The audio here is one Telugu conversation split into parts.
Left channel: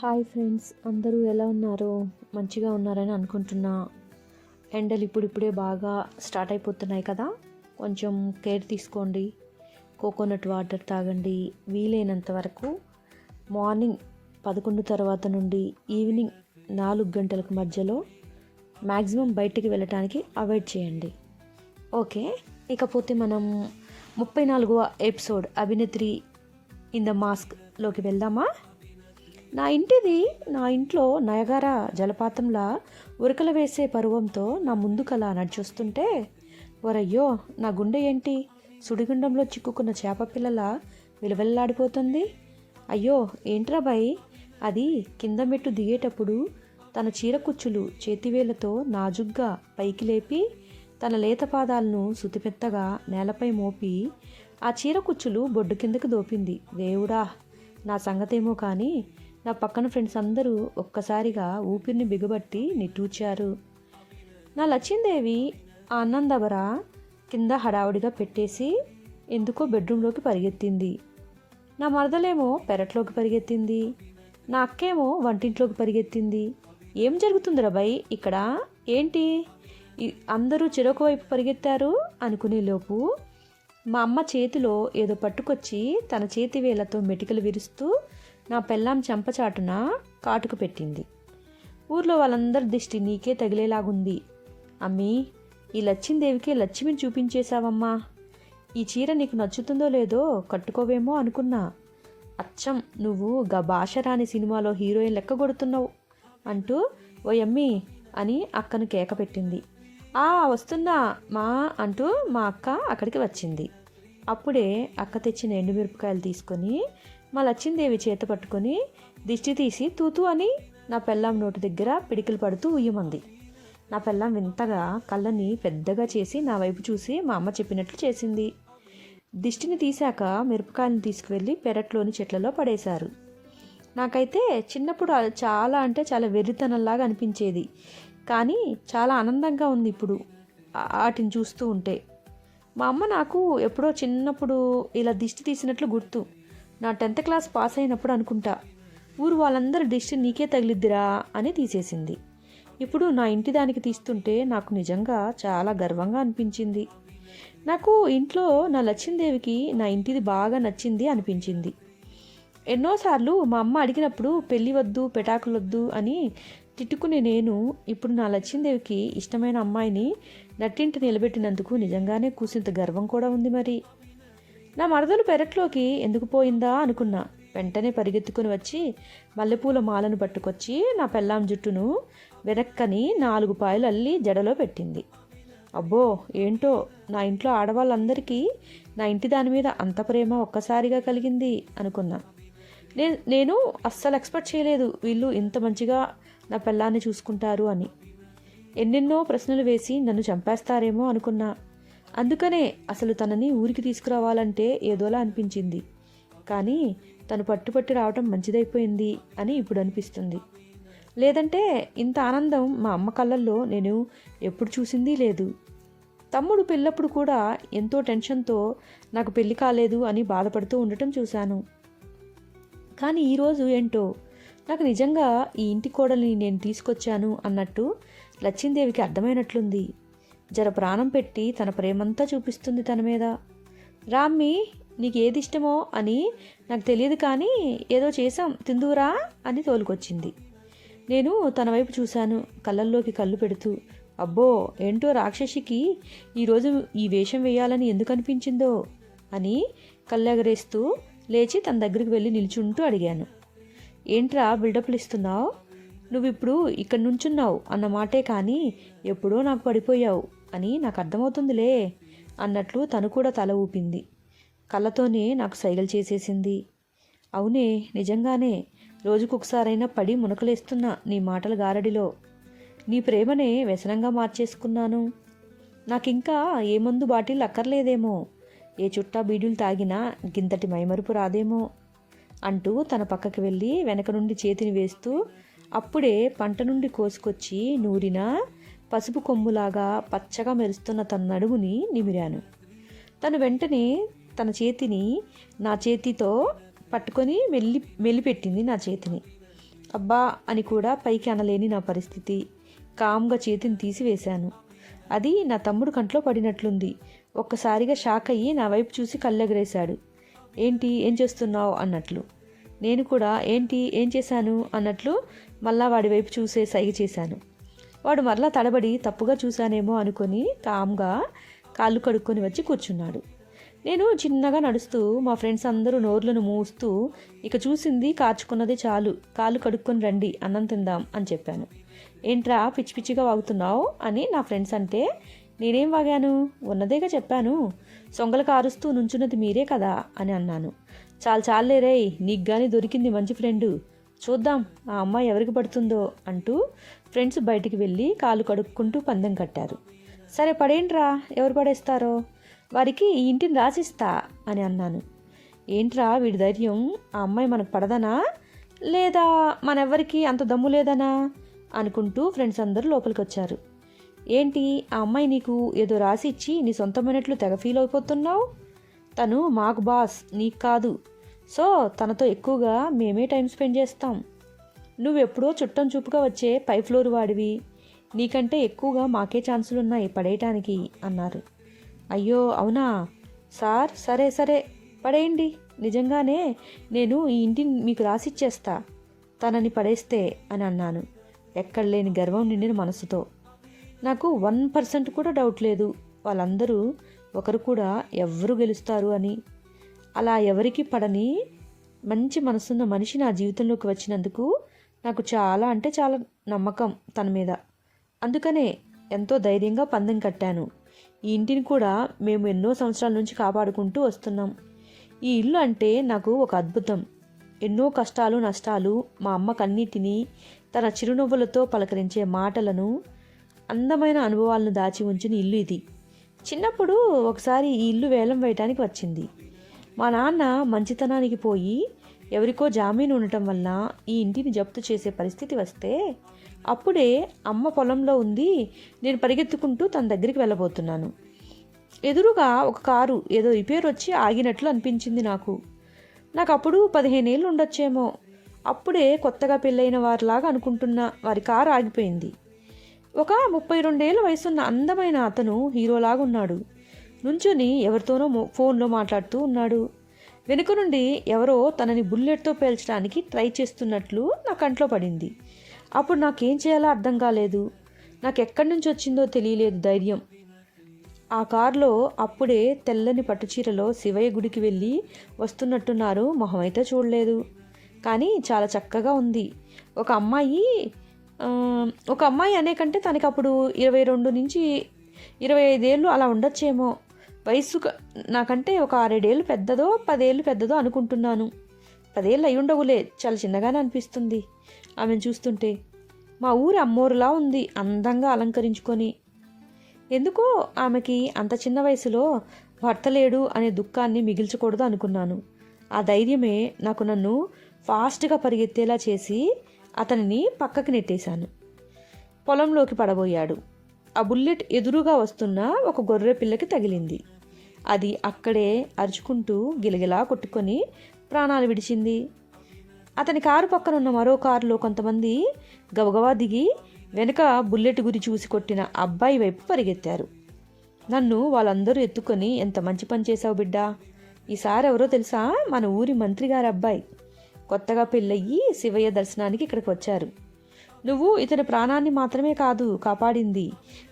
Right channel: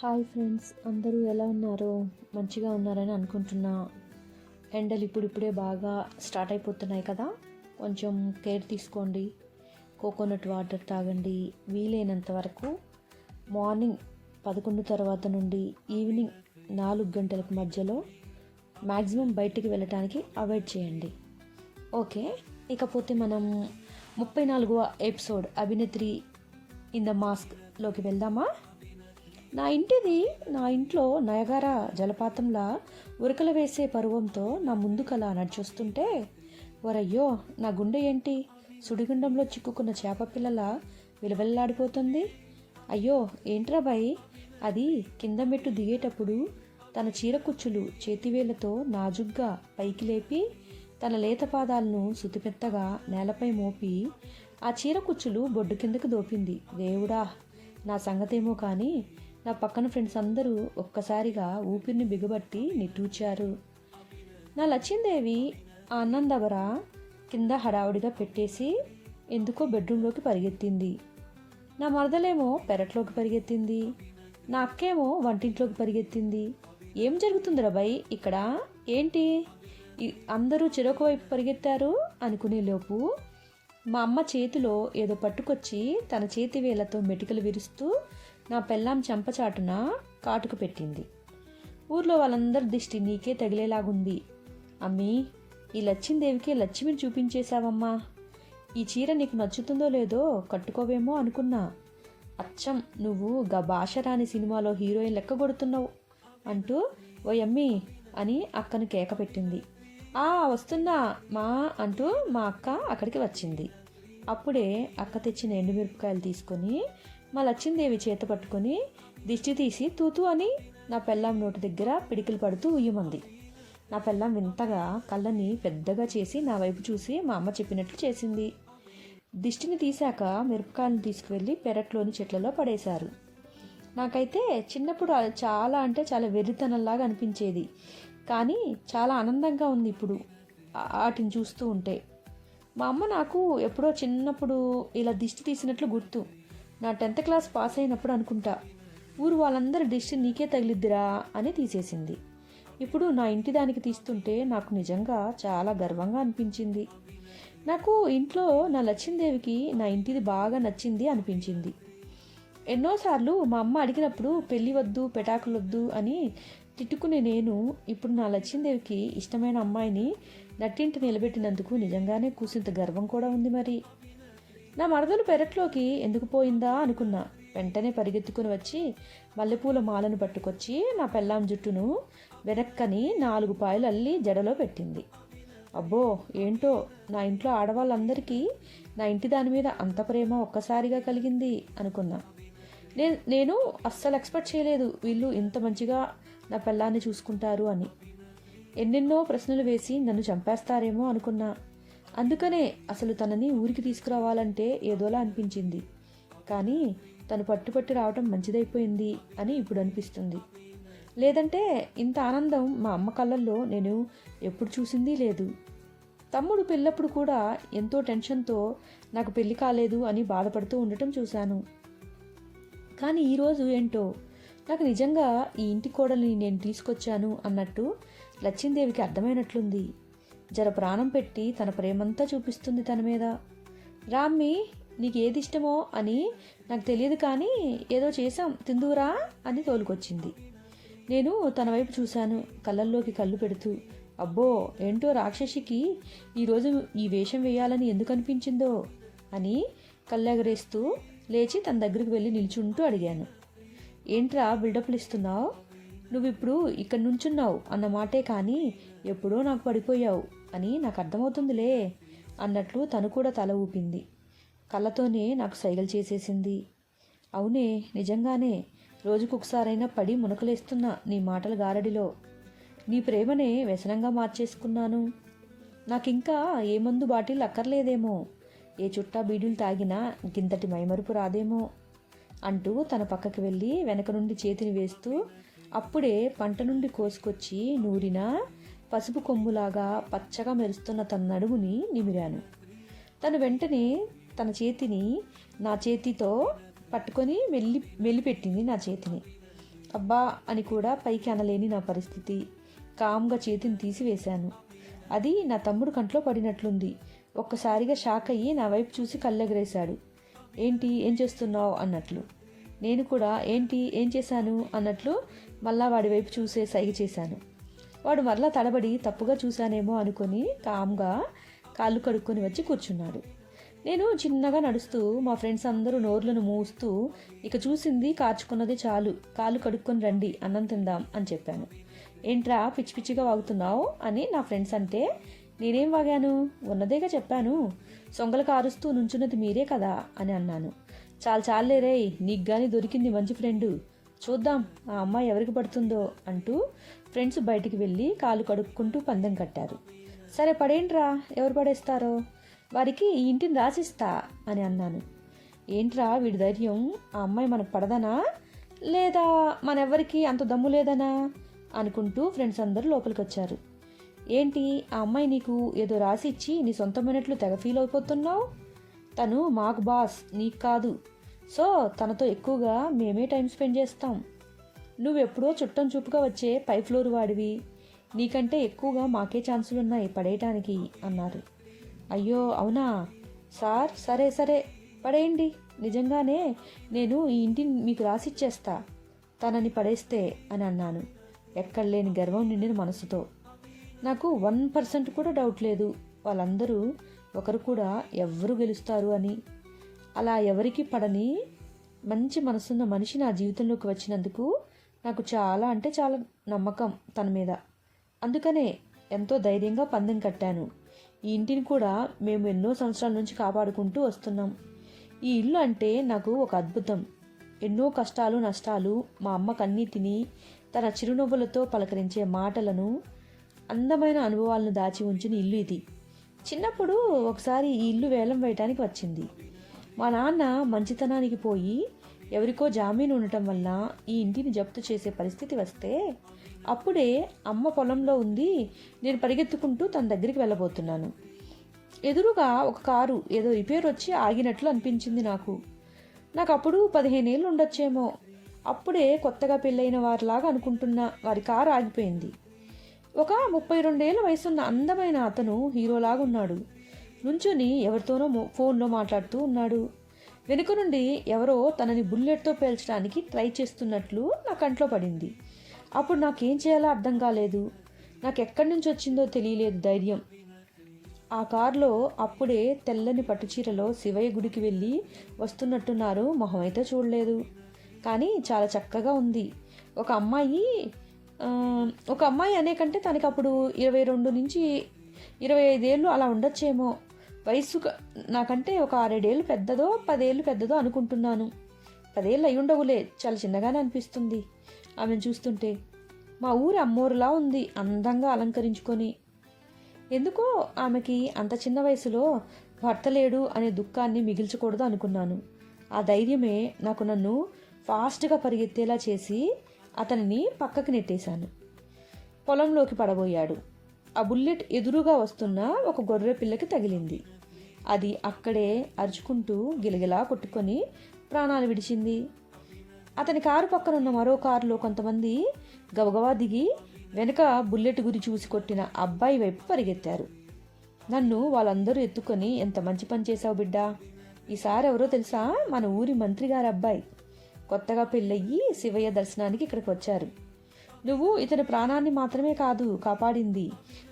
హాయ్ ఫ్రెండ్స్ అందరూ ఎలా ఉన్నారో మంచిగా ఉన్నారని అనుకుంటున్నా. ఎండలు ఇప్పుడిప్పుడే బాగా స్టార్ట్ అయిపోతున్నాయి కదా కొంచెం కేర్ తీసుకోండి. కోకోనట్ వాటర్ తాగండి వీలైనంత వరకు మార్నింగ్ పదకొండు తర్వాత నుండి ఈవినింగ్ నాలుగు గంటలకు మధ్యలో మ్యాక్సిమం బయటికి వెళ్ళటానికి అవాయిడ్ చేయండి. ఓకే ఇకపోతే మనం ముప్పై నాలుగవ ఎపిసోడ్ అభినేత్రి ఇన్ ద మాస్క్లోకి వెళ్దామా? నా ఇంటిది నా ఇంట్లో నయగార జలపాతంలా ఉరకలు వేసే పరువంతో నా ముందుకలా నడిచొస్తుంటే వరయ్యో నా గుండె ఏంటి? సుడిగుండంలో చిక్కుకున్న చేప పిల్లల విలవెల్లాడిపోతుంది. అయ్యో ఏంట్రా బాయ్? అది కింద మెట్టు దిగేటప్పుడు తన చీరకుచ్చులు చేతివేళ్ళతో నాజుగ్గా పైకి లేపి తన లేత పాదాలను సుతిపెత్తగా నేలపై మోపి ఆ చీరకుచ్చులు బొడ్డు కిందకు దోపింది. దేవుడా నా సంగతేమో కానీ నా పక్కన ఫ్రెండ్స్ అందరూ ఒక్కసారిగా ఊపిరిని బిగబట్టి నిట్టూచారు నా లచ్చిందేవి ఆ అన్నందవర కింద హడావుడిగా పెట్టేసి ఎందుకో బెడ్రూమ్లోకి పరిగెత్తింది. నా మరదలేమో పెరట్లోకి పరిగెత్తింది. నా అక్కేమో వంటింట్లోకి పరిగెత్తింది. ఏం జరుగుతుంది రబాయ్ ఇక్కడ? ఏంటి? అందరూ చెరొక వైపు పరిగెత్తారు అనుకునేలోపు మా అమ్మ చేతిలో ఏదో పట్టుకొచ్చి తన చేతి వేళ్ళతో మెటికలు విరుస్తూ నా పెళ్ళాం చెంపచాటున కాటుకు పెట్టింది. ఊర్లో వాళ్ళందరి దిష్టి నీకే తగిలేలాగుంది. అమ్మీ ఈ లచ్చిందేవికి లక్ష్మిని చూపించేశావమ్మా. ఈ చీర నీకు నచ్చుతుందో లేదో కట్టుకోవేమో అనుకున్నా. అచ్చం నువ్వు గా సినిమాలో హీరోయిన్ లెక్క కొడుతున్నావు అంటూ ఓయమ్మి అని అక్కను కేక పెట్టింది. ఆ వస్తున్నా మా అంటూ మా అక్క అక్కడికి వచ్చింది. అప్పుడే అక్క తెచ్చిన ఎండుమిరపకాయలు తీసుకొని మా లచ్చిందేవి చేత పట్టుకొని దిష్టి తీసి తూతూ అని నా పెళ్ళాం నోటి దగ్గర పిడికిలు పడుతూ ఉయ్యమంది. నా పెళ్ళాం వింతగా కళ్ళని పెద్దగా చేసి నా వైపు చూసి మా అమ్మ చెప్పినట్లు చేసింది. దిష్టిని తీశాక మిరపకాయలను తీసుకువెళ్ళి పెరట్లోని చెట్లలో పడేశారు. నాకైతే చిన్నప్పుడు చాలా అంటే చాలా వెర్రితనంలాగా అనిపించేది. కానీ చాలా ఆనందంగా ఉంది ఇప్పుడు వాటిని చూస్తూ ఉంటే. మా అమ్మ నాకు ఎప్పుడో చిన్నప్పుడు ఇలా దిష్టి తీసినట్లు గుర్తు. నా టెన్త్ క్లాస్ పాస్ అయినప్పుడు అనుకుంటా ఊరు వాళ్ళందరూ దిష్టి నీకే తగిలిద్దిరా అని తీసేసింది. ఇప్పుడు నా ఇంటి దానికి తీస్తుంటే నాకు నిజంగా చాలా గర్వంగా అనిపించింది. నాకు ఇంట్లో నా లచ్చిందేవికి నా ఇంటిది బాగా నచ్చింది అనిపించింది. ఎన్నోసార్లు మా అమ్మ అడిగినప్పుడు పెళ్ళి వద్దు పెటాకులొద్దు అని తిట్టుకునే నేను ఇప్పుడు నా లచ్చిందేవికి ఇష్టమైన అమ్మాయిని నట్టింటి నిలబెట్టినందుకు నిజంగానే కూసింత గర్వం కూడా ఉంది మరి. నా మరదలు పెరట్లోకి ఎందుకు పోయిందా అనుకున్నా. వెంటనే పరిగెత్తుకుని వచ్చి మల్లెపూల మాలను పట్టుకొచ్చి నా పెళ్ళాం జుట్టును వెనక్కని నాలుగు పాయలు అల్లి జడలో పెట్టింది. అబ్బో ఏంటో నా ఇంట్లో ఆడవాళ్ళందరికీ నా ఇంటి దాని మీద అంత ప్రేమ ఒక్కసారిగా కలిగింది అనుకున్నా. నేను నేను అస్సలు ఎక్స్పెక్ట్ చేయలేదు వీళ్ళు ఇంత మంచిగా నా పెళ్ళాన్ని చూసుకుంటారు అని. ఎన్నెన్నో ప్రశ్నలు వేసి నన్ను చంపేస్తారేమో అనుకున్నా. అందుకనే అసలు తనని ఊరికి తీసుకురావాలంటే ఏదోలా అనిపించింది. కానీ తను పట్టుపట్టి రావటం మంచిదైపోయింది అని ఇప్పుడు అనిపిస్తుంది. లేదంటే ఇంత ఆనందం మా అమ్మ కళ్ళల్లో నేను ఎప్పుడు చూసింది లేదు. తమ్ముడు పెళ్ళప్పుడు కూడా ఎంతో టెన్షన్తో నాకు పెళ్ళి కాలేదు అని బాధపడుతూ ఉండటం చూశాను. కానీ ఈరోజు ఏంటో? నాకు నిజంగా ఈ ఇంటి కోడల్ని నేను తీసుకొచ్చాను అన్నట్టు లచ్చిందేవికి అర్థమైనట్లుంది. జర ప్రాణం పెట్టి తన ప్రేమంతా చూపిస్తుంది తన మీద. రామ్మి నీకు ఏది ఇష్టమో అని నాకు తెలియదు కానీ ఏదో చేసాం తిందువురా అని తోలుకొచ్చింది. నేను తన వైపు చూశాను కళ్ళల్లోకి కళ్ళు పెడుతూ. అబ్బో ఏంటో రాక్షసికి ఈరోజు ఈ వేషం వేయాలని ఎందుకు అనిపించిందో అని కళ్ళెగరేస్తూ లేచి తన దగ్గరికి వెళ్ళి నిల్చుంటూ అడిగాను. ఏంట్రా బిల్డప్లు ఇస్తున్నావు? నువ్వు ఇప్పుడు ఇక్కడ నుంచున్నావు అన్న మాటే కానీ ఎప్పుడో నాకు పడిపోయావు. అని నాకు అర్థమవుతుందిలే అన్నట్లు తను కూడా తల ఊపింది. కళ్ళతోనే నాకు సైగలు చేసేసింది. అవునే నిజంగానే రోజుకొకసారైనా పడి మునకలేస్తున్నా నీ మాటల గారడిలో. నీ ప్రేమనే వ్యసనంగా మార్చేసుకున్నాను. నాకింకా ఏ మందు బాటిల్ అక్కర్లేదేమో ఏ చుట్టా బీడీలు తాగినా గింతటి మైమరుపు రాదేమో అంటూ తన పక్కకి వెళ్ళి వెనక నుండి చేతిని వేస్తూ అప్పుడే పంట నుండి కోసుకొచ్చి నూరిన పసుపు కొమ్ములాగా పచ్చగా మెరుస్తున్న తన నడుముని నిమిరాను. తను వెంటనే తన చేతిని నా చేతితో పట్టుకొని మెల్లి మెల్లిపెట్టింది నా చేతిని. అబ్బా అని కూడా పైకి అనలేని నా పరిస్థితి. కామ్గా చేతిని తీసివేశాను. అది నా తమ్ముడు కంట్లో పడినట్లుంది. ఒక్కసారిగా షాక్ అయ్యి నా వైపు చూసి కళ్ళెగరేశాడు. ఏంటి ఏం చేస్తున్నావు? అన్నట్లు. నేను కూడా ఏంటి ఏం చేశాను? అన్నట్లు మళ్ళా వాడి వైపు చూసే సైగ చేశాను. వాడు మరలా తడబడి తప్పుగా చూశానేమో అనుకొని కామ్గా కాళ్ళు కడుక్కొని వచ్చి కూర్చున్నాడు. నేను చిన్నగా నడుస్తూ మా ఫ్రెండ్స్ అందరూ నోర్లను మూస్తూ ఇక చూసింది కార్చుకున్నదే చాలు కాళ్ళు కడుక్కొని రండి అన్నం తిందాం అని చెప్పాను. ఏంట్రా పిచ్చి పిచ్చిగా వాగుతున్నావు? అని నా ఫ్రెండ్స్ అంటే నేనేం వాగాను? ఉన్నదేగా చెప్పాను. సొంగలు కారుస్తూ నుంచున్నది మీరే కదా అని అన్నాను. చాలు చాలేరే నీకు కానీ దొరికింది మంచి ఫ్రెండు. చూద్దాం ఆ అమ్మాయి ఎవరికి పడుతుందో అంటూ ఫ్రెండ్స్ బయటికి వెళ్ళి కాలు కడుక్కుంటూ పందెం కట్టారు. సరే పడేంట్రా? ఎవరు పడేస్తారో? వారికి ఈ ఇంటిని రాసిస్తా అని అన్నాను. ఏంట్రా వీడి ధైర్యం? ఆ అమ్మాయి మనకు పడదనా? లేదా మనెవ్వరికి అంత దమ్ము లేదనా? అనుకుంటూ ఫ్రెండ్స్ అందరూ లోపలికి వచ్చారు ఏంటి ఆ అమ్మాయి నీకు ఏదో రాసి ఇచ్చి నీ సొంతమైనట్లు తెగ ఫీల్ అయిపోతున్నావు? తను మాకు బాస్ నీకు కాదు. సో తనతో ఎక్కువగా మేమే టైం స్పెండ్ చేస్తాం. నువ్వెప్పుడో చుట్టం చూపుగా వచ్చే పై ఫ్లోర్ వాడివి. నీకంటే ఎక్కువగా మాకే ఛాన్సులు ఉన్నాయి పడేయటానికి అన్నారు. అయ్యో అవునా? సార్ సరే సరే. పడేయండి. నిజంగానే నేను ఈ ఇంటిని మీకు రాసిచ్చేస్తా. తనని పడేస్తే అని అన్నాను. ఎక్కడ లేని గర్వం నిండిన మనసుతో. నాకు వన్ పర్సెంట్ కూడా డౌట్ లేదు. వాళ్ళందరూ ఒకరు కూడా ఎవరు గెలుస్తారు అని. అలా ఎవరికి పడని మంచి మనసున్న మనిషి నా జీవితంలోకి వచ్చినందుకు నాకు చాలా అంటే చాలా నమ్మకం తన మీద. అందుకనే ఎంతో ధైర్యంగా పందెం కట్టాను. ఈ ఇంటిని కూడా మేము ఎన్నో సంవత్సరాల నుంచి కాపాడుకుంటూ వస్తున్నాం. ఈ ఇల్లు అంటే నాకు ఒక అద్భుతం. ఎన్నో కష్టాలు నష్టాలు మా అమ్మ కన్నీటిని తన చిరునవ్వులతో పలకరించే మాటలను అందమైన అనుభవాలను దాచి ఉంచిన ఇల్లు ఇది. చిన్నప్పుడు ఒకసారి ఈ ఇల్లు వేలం వేయటానికి వచ్చింది. మా నాన్న మంచితనానికి పోయి ఎవరికో జామీను ఉండటం వల్ల ఈ ఇంటిని జప్తు చేసే పరిస్థితి వస్తే అప్పుడే అమ్మ పొలంలో ఉంది నేను పరిగెత్తుకుంటూ తన దగ్గరికి వెళ్ళబోతున్నాను. ఎదురుగా ఒక కారు ఏదో రిపేర్ వచ్చి ఆగినట్లు అనిపించింది నాకు. నాకు అప్పుడు పదిహేనేళ్ళు ఉండొచ్చేమో. అప్పుడే కొత్తగా పెళ్ళైన వారిలాగా అనుకుంటున్న వారి కారు ఆగిపోయింది. ఒక ముప్పై రెండేళ్ళ వయసున్న అందమైన అతను హీరోలాగా ఉన్నాడు నుంచుని ఎవరితోనో ఫోన్లో మాట్లాడుతూ ఉన్నాడు. వెనుక నుండి ఎవరో తనని బుల్లెట్తో పేల్చడానికి ట్రై చేస్తున్నట్లు నా కంట్లో పడింది. అప్పుడు నాకేం చేయాలో అర్థం కాలేదు. నాకు ఎక్కడి నుంచి వచ్చిందో తెలియలేదు ధైర్యం. ఆ కారులో అప్పుడే తెల్లని పట్టుచీరలో శివయ్య గుడికి వెళ్ళి వస్తున్నట్టున్నారు మొహం అయితే చూడలేదు. కానీ చాలా చక్కగా ఉంది. ఒక అమ్మాయి ఒక అమ్మాయి అనే కంటే తనకి అప్పుడు ఇరవై రెండు నుంచి ఇరవై ఐదేళ్ళు అలా ఉండొచ్చేమో. వయస్సు నాకంటే ఒక ఆరేడేళ్ళు పెద్దదో పదేళ్ళు పెద్దదో అనుకుంటున్నాను. పదేళ్ళు అయి ఉండవులే చాలా చిన్నగానే అనిపిస్తుంది. ఆమెను చూస్తుంటే మా ఊరు అమ్మోరులా ఉంది అందంగా అలంకరించుకొని. ఎందుకో ఆమెకి అంత చిన్న వయసులో భర్త లేడు అనే దుఃఖాన్ని మిగిల్చకూడదు అనుకున్నాను. ఆ ధైర్యమే నాకు నన్ను ఫాస్ట్గా పరిగెత్తేలా చేసి అతనిని పక్కకి నెట్టేశాను. పొలంలోకి పడబోయాడు. ఆ బుల్లెట్ ఎదురుగా వస్తున్న ఒక గొర్రె పిల్లకి తగిలింది. అది అక్కడే అరుచుకుంటూ గిలగిలా కొట్టుకొని ప్రాణాలు విడిచింది. అతని కారు పక్కన ఉన్న మరో కారులో కొంతమంది గబగబా దిగి వెనుక బుల్లెట్ గురి చూసి కొట్టిన అబ్బాయి వైపు పరిగెత్తారు. నన్ను వాళ్ళందరూ ఎత్తుకొని ఎంత మంచి పని చేశావు బిడ్డా! ఈసారి ఎవరో తెలుసా? మన ఊరి మంత్రి గారి అబ్బాయి. కొత్తగా పెళ్ళయ్యి శివయ్య దర్శనానికి ఇక్కడికి వచ్చారు. నువ్వు ఇతని ప్రాణాన్ని మాత్రమే కాదు కాపాడింది.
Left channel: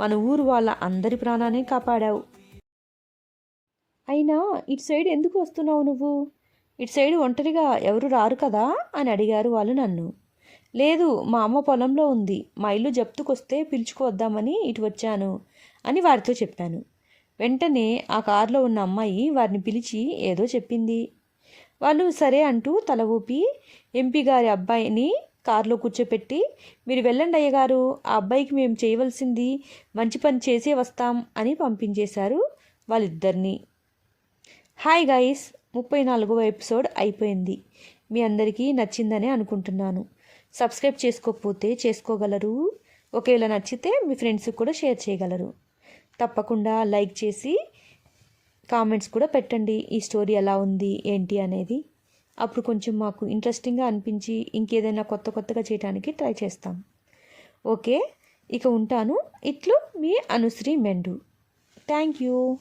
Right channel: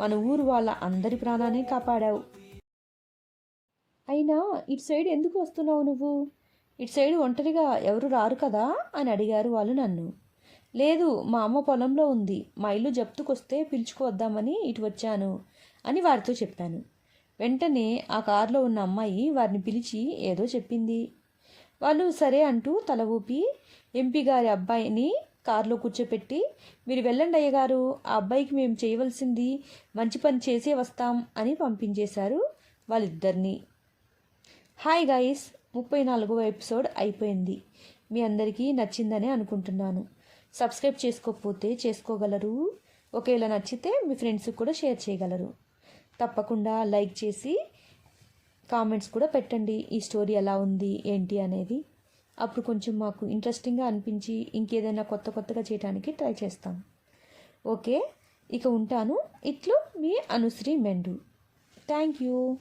మన ఊరు వాళ్ళ అందరి ప్రాణాన్ని కాపాడావు. అయినా ఇటు సైడ్ ఎందుకు వస్తున్నావు నువ్వు? ఇటు సైడ్ ఒంటరిగా ఎవరు రారు కదా? అని అడిగారు వాళ్ళు నన్ను. లేదు మా అమ్మ పొలంలో ఉంది. మా ఇల్లు జప్తుకొస్తే పిలుచుకువద్దామని ఇటు వచ్చాను అని వారితో చెప్పాను. వెంటనే ఆ కారులో ఉన్న అమ్మాయి వారిని పిలిచి ఏదో చెప్పింది. వాళ్ళు సరే అంటూ తల ఊపి ఎంపీ గారి అబ్బాయిని కారులో కూర్చోపెట్టి మీరు వెళ్ళండి అయ్యగారు ఆ అబ్బాయికి మేము చేయవలసింది మంచి పని చేసే వస్తాం అని పంపించేశారు వాళ్ళిద్దరినీ. హాయ్ గైస్ ముప్పై నాలుగవ ఎపిసోడ్ అయిపోయింది. మీ అందరికీ నచ్చిందని అనుకుంటున్నాను. సబ్స్క్రైబ్ చేసుకోకపోతే చేసుకోగలరు. ఒకవేళ నచ్చితే మీ ఫ్రెండ్స్కి కూడా షేర్ చేయగలరు. తప్పకుండా లైక్ చేసి కామెంట్స్ కూడా పెట్టండి. ఈ స్టోరీ ఎలా ఉంది ఏంటి అనేది. అప్పుడు కొంచెం మాకు ఇంట్రెస్టింగ్గా అనిపించి ఇంకేదైనా కొత్త కొత్తగా చేయడానికి ట్రై చేస్తాం. ఓకే ఇక ఉంటాను. ఇట్లు మీ అనుశ్రీ మెండు. Thank you